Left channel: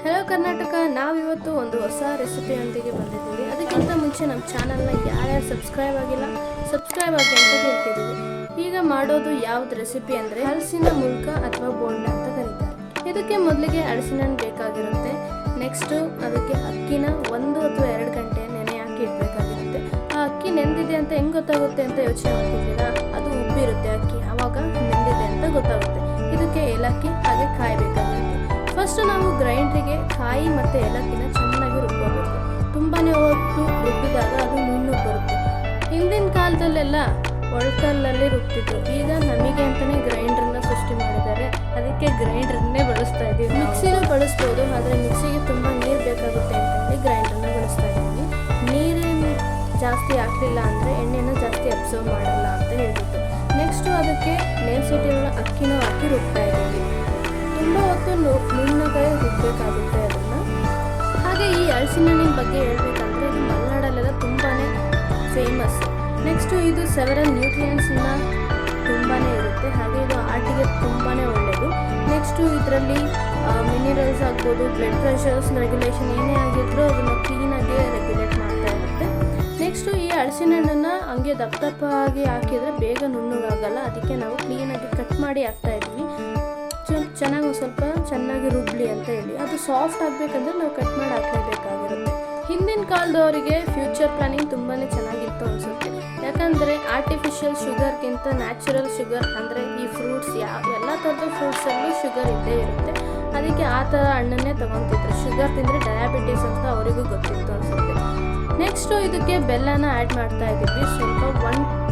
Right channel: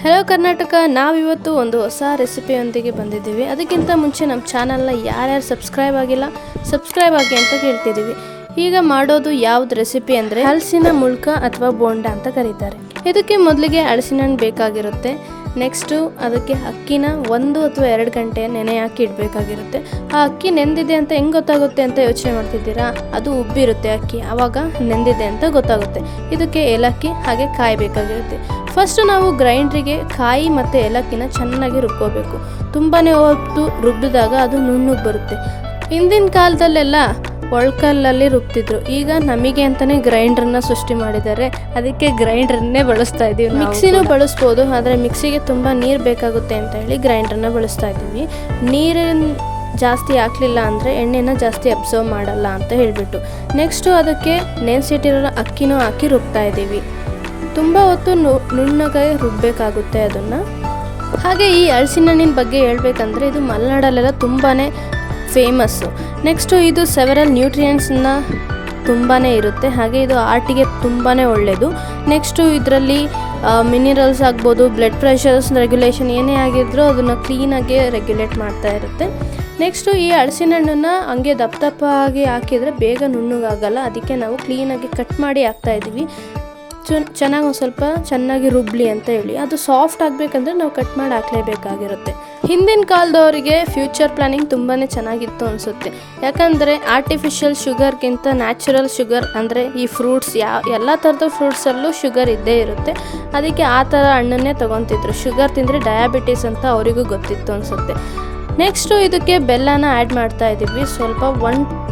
Hello Karnataka ನಾವಿವತ್ತು ಒಂದು ಹೊಸ ರೆಸಿಪಿಯೊಂದಿಗೆ ಬಂದಿದ್ದೀವಿ. ಅದಕ್ಕಿಂತ ಮುಂಚೆ ನಮ್ಮ ಚಾನಲ್ನ ಯಾರ್ಯಾರು ಸಬ್ಸ್ಕ್ರೈಬ್ ಆಗಿಲ್ಲ, ಸಬ್ಸ್ಕ್ರೈಬ್ ಆಗಿ ಅಂತ ಕೇಳ್ತಿದ್ದೀವಿ. ಈಗ ಮಾಡೋದು ಯಾವ್ದು ರೆಸಿಪಿ ಅಂದರೆ ಹಲಸಿನ ಮುಳ್ಕ ಅಥವಾ ಬೋಂಡ ಅಂತ ಕರೀತಾರೆ. ಇದಕ್ಕೆ ಮೊದಲಿಗೆ ಹಲಸಿನ ಬೇಕಾಗಿರುತ್ತೆ. ನೆಕ್ಸ್ಟು ಅದಕ್ಕೆ ಅಕ್ಕಿನ ಒಂದು ಅಥವಾ ಎರಡು ಗಂಟೆ ನೆನೆ ಹಾಕಿ ಇಡಬೇಕಾಗಿರುತ್ತೆ. ಆ ಅಕ್ಕಿ ನೆಂದಿದೆ ಅಂತ ಹೆಂಗೆ ಗೊತ್ತಾಗುತ್ತೆ ಅಂತ ಯೋಚನೆ ಮಾಡ್ತಿದ್ದೀರಾ? ಅದು ಉಬ್ಬಿರುತ್ತೆ ಅಕ್ಕಿ. ಆವಾಗ ನೆಂದಿದೆ ಅಂತ ಗೊತ್ತಾಗುತ್ತೆ. ಇದಕ್ಕೆ ಏಲಕ್ಕಿ ಹಾಗೆ ಕಾಯಿ ಬೇಕಾಗಿರುತ್ತೆ ಫಸ್ಟ್ ನಾವು ಗ್ರೈಂಡ್ರಿಗೆ ಕಾಯಿ ಮತ್ತು ಏಲಕ್ಕಿನ ಚೆನ್ನಾಗಿ ರುಬ್ಕೋಬೇಕು. ತುಂಬಾ ಹೊತ್ತು ರುಬ್ಬಿದಾಗ ಅದು ನುಣ್ಣಗೆ ಬರುತ್ತೆ. ಹಿಂದಿನ ಕಾಲದಲ್ಲೆಲ್ಲ ಒಳ್ಕಲ್ಲಲ್ಲಿ ರುಬ್ತಿದ್ರು. ಈಗ ನಮಗೆ ಅಂತಲೇ ಗ್ರೈಂಡ್ರನ್ನ ಸೃಷ್ಟಿ ಮಾಡಿದ್ದಾರೆ. ಅದಕ್ಕೆ ಗ್ರೈಂಡ್ರನ್ನೇ ಬಳಸ್ತಾ ಇದ್ದೀವಿ ಮಿಕ್ಸಿನೂ ಬಳಸ್ಬೋದು, ಆದರೆ ಮಿಕ್ಸಿಗೆ ತುಂಬ ನೀರು ಬೇಕಾಗುತ್ತೆ ಅಂತ ಹೇಳಿ ಗ್ರೈಂಡ್ರನ್ನ ಬಳಸ್ತಾ ಇದ್ದೀವಿ ನೀರಿನ ಜಾಸ್ತಿ ಹಾಕ್ಲಿಲ್ಲ ಅಂದರೆ ಎಣ್ಣೆನ ಜಾಸ್ತಿ ಅಬ್ಸರ್ವ್ ಮಾಡಲ್ಲ ಅಂತ ಹೇಳಿಬಿಟ್ಟು. ನೆಕ್ಸ್ಟು ಅದಕ್ಕೆ ನೆನೆಸಿಟ್ಟಿರೋ ಅಕ್ಕಿನೂ ಹಾಕಿ ರುಬ್ತಾ ಇದ್ದೀವಿ ತುಂಬ ಹೊತ್ತು ನುಣ್ಣಗೆ ರುಬ್ಬಬೇಕಾಗುತ್ತೆ ಅದನ್ನು. ಹಾಗೆ ಈ ಹಣ್ಣಿನ ಬಗ್ಗೆ ಹೇಳಬೇಕಂದ್ರೆ ಇದು ಮಲೆನಾಡಲ್ಲೆಲ್ಲ ತುಂಬಾ ಫೇಮಸ್ಸು ನೆಕ್ಸ್ಟು ಇದು ಸೆವೆರಲ್ ನ್ಯೂಟ್ರಿಯೆಂಟ್ಸನ್ನ ತುಂಬಾ ಇರುತ್ತೆ. ಹಾಗೆ ಇದು ಆರ್ಟಿಗೆ ತುಂಬಾ ಒಳ್ಳೆಯದು ನೆಕ್ಸ್ಟು ಇದರಲ್ಲಿ ಮಿನರಲ್ಸ್ ಆಗ್ಬೋದು ಬ್ಲಡ್ ಪ್ರೆಷರ್ಸ್ ರೆಗ್ಯುಲೇಷನ್ ಏನೇ ಆಗಿದ್ರೂ ಅದನ್ನು ಕ್ಲೀನಾಗಿ ರೆಗ್ಯುಲೇಟ್ ಮಾಡ್ತಾ ಇರುತ್ತೆ. ನೆಕ್ಸ್ಟು ಈ ಹಳಸಿನ ಹಣ್ಣನ್ನು ಹಂಗೆ ದಪ್ಪ ದಪ್ಪ ಆಗಿ ಹಾಕಿದರೆ ಬೇಗ ನುಣ್ಣಗಾಗಲ್ಲ. ಅದಕ್ಕೆ ನಾವು ಕ್ಲೀನಾಗಿ ಕಟ್ ಮಾಡಿ ಹಾಕ್ತಾ ಇದ್ದೀವಿ. ಚೆನ್ನಾಗಿ ಒಂದು ಸ್ವಲ್ಪ ಚೆನ್ನಾಗಿ ರುಬ್ಲಿ ಅಂತ ಹೇಳಿ. ಅದು ಸಾಫ್ಟ್ ಆಗಬೇಕಂದ್ರೆ ನಾವು ಕಟ್ ಮಾಡಿ ಹಾಕಲೇಬೇಕಾಗಿರುತ್ತೆ. ಹಿಂದಿನ ಕಾಲದವರಿಗೆ ಫ್ಯೂಚರ್ ಪ್ಲಾನಿಂಗ್ ತುಂಬಾ ಚೆನ್ನಾಗಿತ್ತು ಅನಿಸುತ್ತೆ. ಯಾಕಂದರೆ ಆರ್ಟಿಫಿಷಿಯಲ್ ಶುಗರ್ಗಿಂತ ನ್ಯಾಚುರಲ್ ಶುಗರ್ ಅಂದರೆ ಈ ಫ್ರೂಟ್ಸ್ ಯಾವ ಎಲ್ಲ ಥರದ ಫ್ರೂಟ್ಸಲ್ಲೂ ಶುಗರ್ ಇದ್ದೇ ಇರುತ್ತೆ. ಅದಕ್ಕೆ ಆ ಥರ ಹಣ್ಣನ್ನೇ ತೊಗೊತಿದ್ರು. ಶುಗರ್ ತಿಂದರೆ ಡಯಾಬಿಟೀಸ್ ಅಂತ ಅವರಿಗೂ ಗೊತ್ತಿತ್ತು ಅನಿಸುತ್ತೆ. ನೆಕ್ಸ್ಟು ಇದಕ್ಕೆ ಬೆಲ್ಲನ ಆ್ಯಡ್ ಮಾಡ್ತಾ ಇದ್ದೀವಿ ಸ್ವಲ್ಪ ಒನ್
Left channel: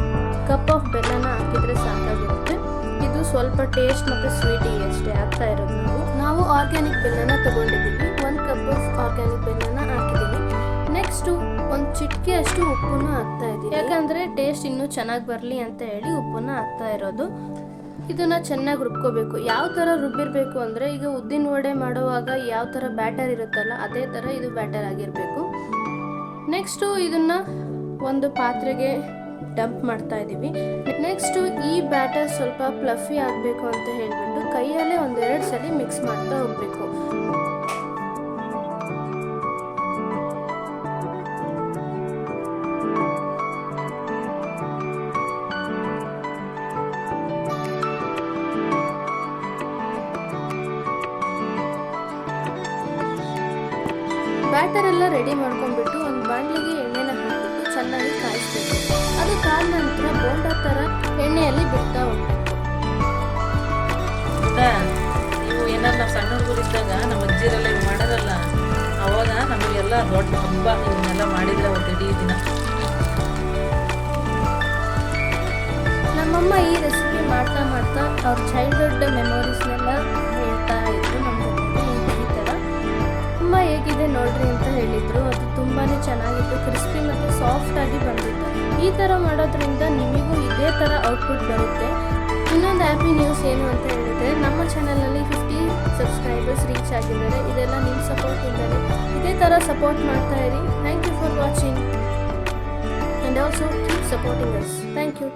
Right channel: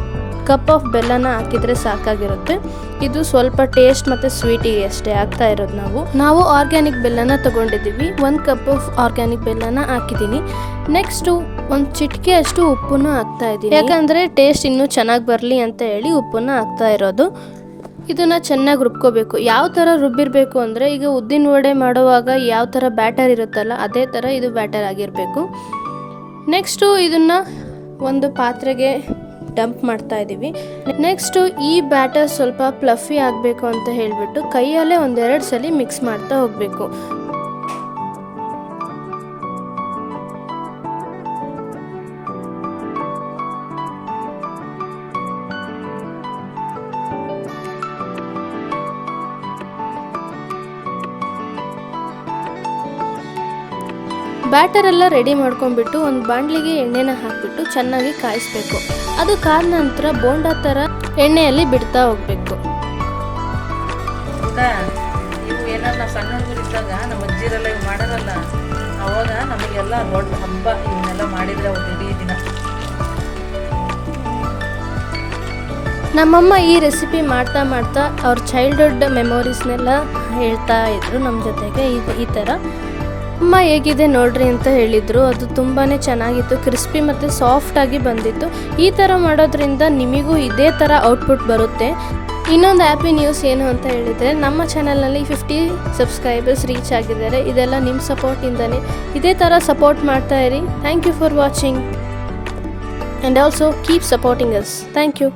ಕಪ್ ಆಫ್ ಬೆಲ್ಲನ ಹಾಕಿದರೆ ಸಾಕಾಗಿರುತ್ತೆ. ಇದು ಸ್ವಲ್ಪ ಟೇಸ್ಟ್ ಮತ್ತು ಸ್ವೀಟಿಗೆ ಅಷ್ಟೇ ಆಗ್ತಾ ಇರೋದು ನಾವು. ನಾವು ಆರ್ಗ್ಯಾನಿಕ್ ಬೆಲ್ಲನ ತಗೊಂಡಿದ್ದೀವಿ. ಒಂದು ಕಪ್ ಆಫ್ ಆರ್ಗ್ಯಾನಿಕ್ ಬೆಲ್ಲನ ಹಾಕಿದ್ದೀನಿ. ನೆಕ್ಸ್ಟು ಒಂದು ಚಿಟಿಕೆ ಅಷ್ಟು ಉಪ್ಪನ್ನು ಹಾಕ್ತಾ ಇದ್ದೀನಿ. ಯಾಕಂದರೆ ಟೇಸ್ಟ್ ಇನ್ನೂ ಚೆನ್ನಾಗಿ ಬರಲಿ ಅಂತ ಹೇಳಿ ಉಪ್ಪನ್ನು ಹಾಕ್ತಾ ಇರೋದು. ಇದನ್ನು ಚೆನ್ನಾಗಿ ರುಬ್ಕೋಬೇಕು. ಯಾವ ಥರ ರುಬ್ಬಿರಬೇಕು ಅಂದರೆ ಈಗ ಉದ್ದಿನ ವಡೆ ಮಾಡುವಾಗ ಯಾವ ಥರ ಬ್ಯಾಟರ್ ಇರುತ್ತಲ್ಲ ಅದೇ ಥರ ಇದು ಬ್ಯಾಟರ್ ಆಗಿರಬೇಕು. ನೆಕ್ಸ್ಟು ಇದನ್ನು ಒಂದು ಪಾತ್ರೆಗೆ ಡಂಪ್ ಮಾಡ್ತಾ ಇದ್ದೀವಿ. ನೆಕ್ಸ್ಟು ಈ ಬ್ಯಾಟರ್ ಸ್ವಲ್ಪ ಪ್ಲಫಿ ಆಗಬೇಕು ಅಂತ ಹೇಳಿಬಿಟ್ಟು ಕೈಯಲ್ಲೇ ಒಂದೆರಡು ಸಲ ಮಿಕ್ಸ್ ಮಾಡ್ತಾ ಹೋಗಬೇಕು. ಬ್ಯಾಟರ್ ಎಲ್ಲ ರೆಡಿ ಮಾಡ್ಕೊಂಡ್ಬಿಟ್ಟು ಒಂದು ಬಾಣಲಿಗೆ ಎಣ್ಣೆನ ಹಾಕಿಬಿಟ್ಟು ಚೆನ್ನಾಗಿ ಕಾಯಿಸ್ಬೇಕು. ಅದು ಕಾದ ನಂತರ ಬೋಂಡ ಥರ ಎಣ್ಣೆಯಲ್ಲಿ ಬಿಡ್ತಾ ಹೋಗ್ಬೇಕು. ಗೊತ್ತಾ? ಇವು ಏನಾರು ನಾವು ಸಣ್ಣ ಹುಡುಗರು ಇದ್ದಾಗ ನಮ್ಮ ಅಜ್ಜಿರೆಲ್ಲ ಇವು ಮಾಡೋರಲ್ಲ ಅವಾಗ ನಮಗೆಲ್ಲ ದೊಡ್ಡ ಹಬ್ಬ ಇವನ್ನೆಲ್ಲ ಮಾಡಿದ್ರೆ ಒಂದು ಇಡೀ ದಿನ. ನಮ್ಮಮ್ಮ ಈ ರೆಸಿಪಿ ಮಾಡ್ತಾ ಮಾಡ್ತಾ ಅವ್ರ ಚೈಲ್ಡ್ಹುಡ್ ಮೆಮೊರೀಸ್ನೆಲ್ಲ ಹೇಳ್ತಾ ಇದ್ರು ನಮ್ಮ ಜೊತೆಗೆ. ಇದು ಈ ಥರ ಅಮ್ಮ ಹೇಗಿದೆ ನೋಡ್ರಿ ಅಂತ ಹೇಳಿದರು. ಅದು ತುಂಬಾ ಚೆನ್ನಾಗಿತ್ತು. ಕ್ರಿಸ್ಪಿ ಮತ್ತು ಸಾಫ್ಟಾಗಿ ಬಂದಿತ್ತು. ಈ ಥರ ಮಾಡೋದ್ರಿಂದ ನಿಮಗೂ ಇದೇ ಥರ ಔಟ್ಪುಟ್ ಬರುತ್ತೆ. ಇನ್ನೊಂದು ಹ್ಯಾಪಿ ನ್ಯೂಸ್ ಏನು ಅಂತ ಹೇಳಿದರೆ, ನಮ್ಮ ಚಾನಲಲ್ಲಿ ಫಿಫ್ಟಿ ಸಬ್ಸ್ಕ್ರೈಬರ್ಸ್ ರೀಚ್ ಆಗಿದ್ದಾರೆ. ಇದೆಲ್ಲ ನಿಮ್ಮ ಸಪೋರ್ಟಿಂದನೇ. ಇದೇ ಥರ ಸಪೋರ್ಟ್ ಮಾಡ್ತಾ ಇರಿ. Thank you for watching and also keep supporting us thank you